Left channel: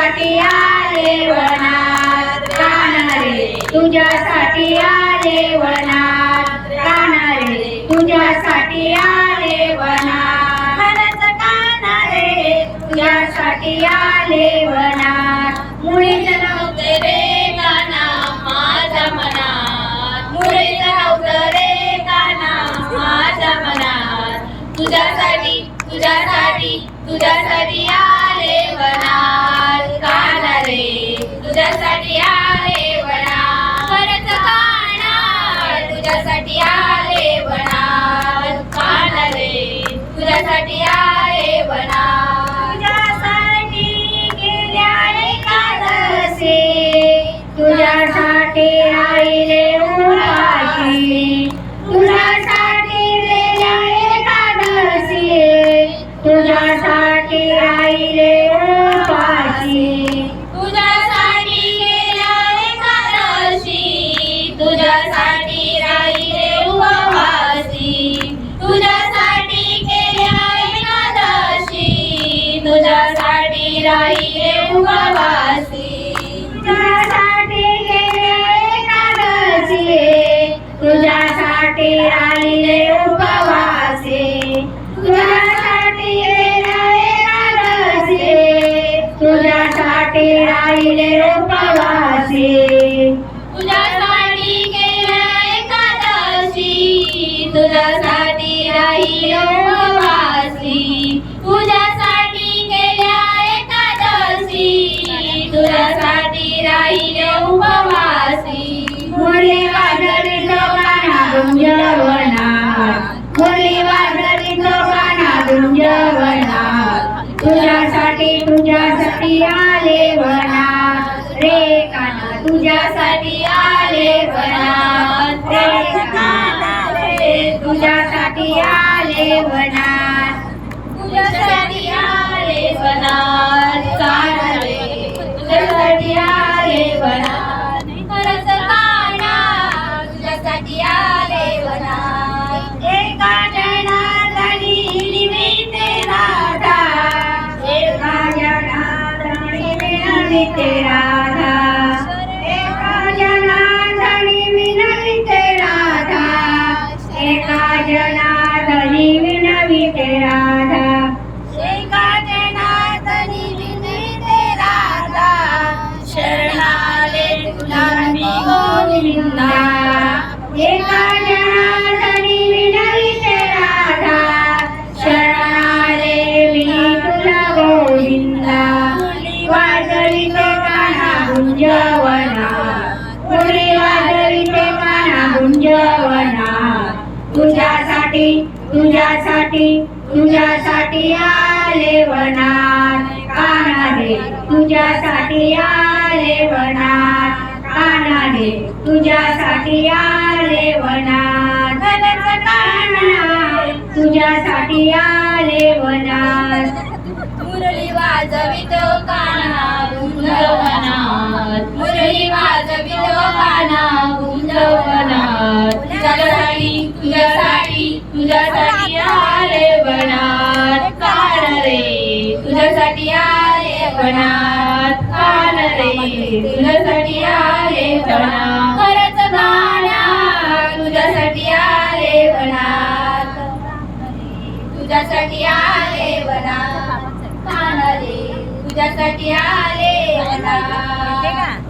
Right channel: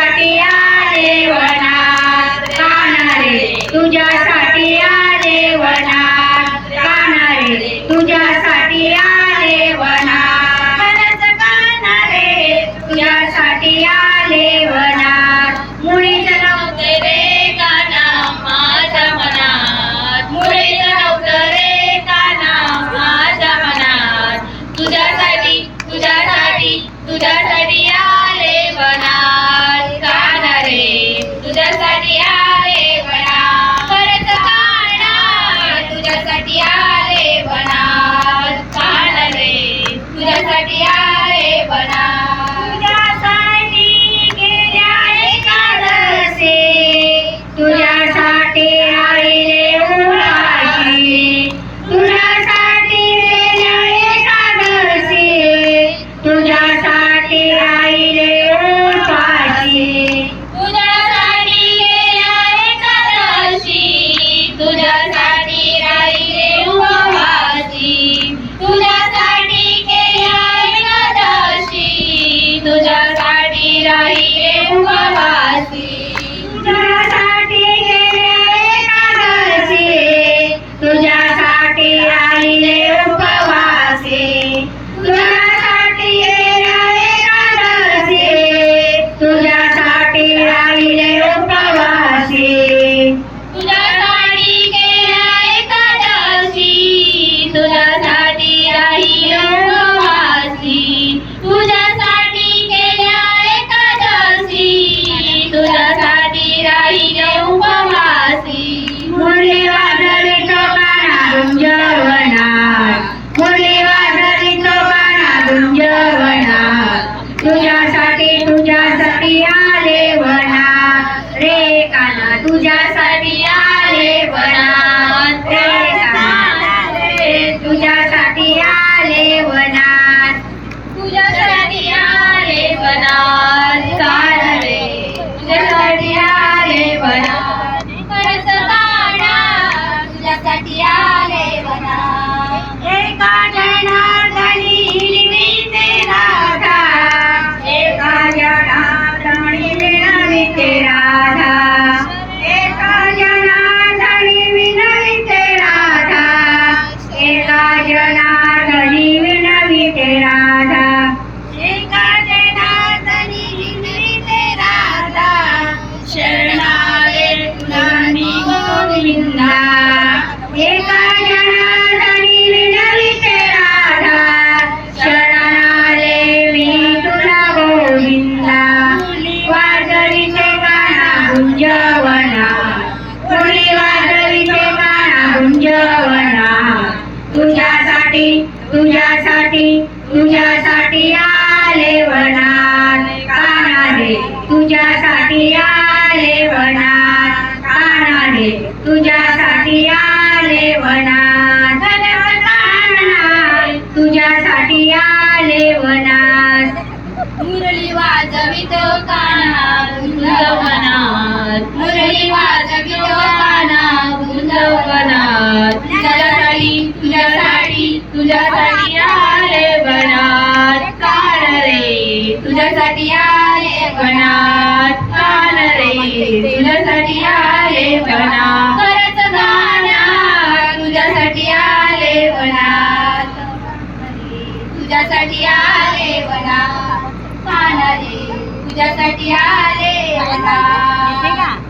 तुझ्यासाठी आले वनात तुझ्यासाठी आले Thank you. तुझ्यासाठी राही उपवासी तुझ्यासाठी केल्या एकादशी. तुझ्यासाठी राही उपवासी. मुरली वाजवी टोकाना गुंजवणार वाजवी टोकाना तुझ्यासाठी आले तुझ्यासाठी तुझ्यासाठी तुझ्यासाठी आले वनात. कानारे तुझ्यासाठी आले वनात. कानारे तुझ्यासाठी आले वनात. तुझ्यासाठी आले वनात. मुरली वाजवित का वनात कान रे तुझ्यासाठी आले वनात खरंच गाण्या तुझ्यासाठी आले वनात तुझ्यासाठी आले वना पानारे तुझ्यासाठी आले वना